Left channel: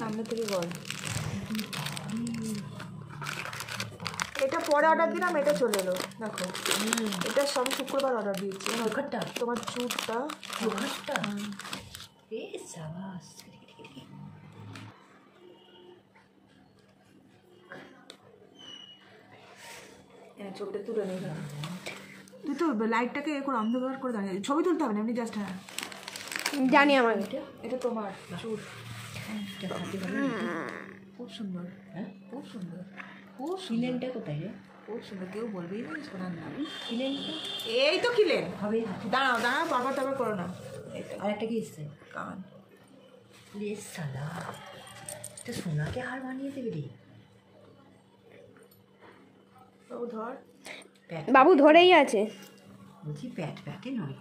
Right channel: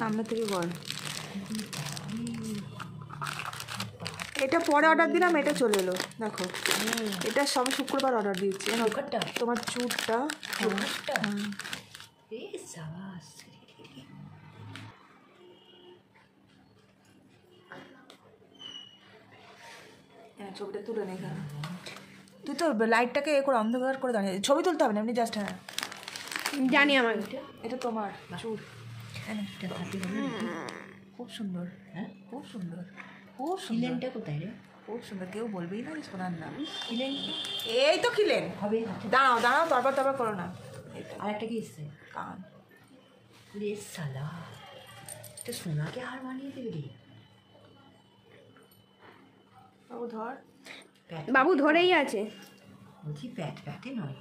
সামনে থেকে বল। এটা পরে অর্ডার দিলাম, এটা চলে এলো দেখো। এটা সব শুক্রবার অর্ডার দিয়েছি। তোমার চুটটা চোখটা তুলে নেই। তুই তো লাইটটাকে এ করে অন্ধকার করে দাঁড়িয়ে ছবি তুলতে হবে না, এমনি জাস্ট। হ্যাঁ জানি আমার এটা তোমার চুল খুব সুন্দর। হ্যাঁ খুব সুন্দর, খুব খিলেনটা কোথায় রে? খুব সুন্দর, কেউ বলবেই না শোনার না। খিলেন এই তো খিলেন হবে। দাঁড়াও দাঁড়াও, বারবার করো না। আর একটা কি এসছে কান রে সালা, এটা সোনাকে হার বানিয়ে দেবে রে। বাবু ধর, বাবু ধরেই আছে। বলছি প্যাটে নয়।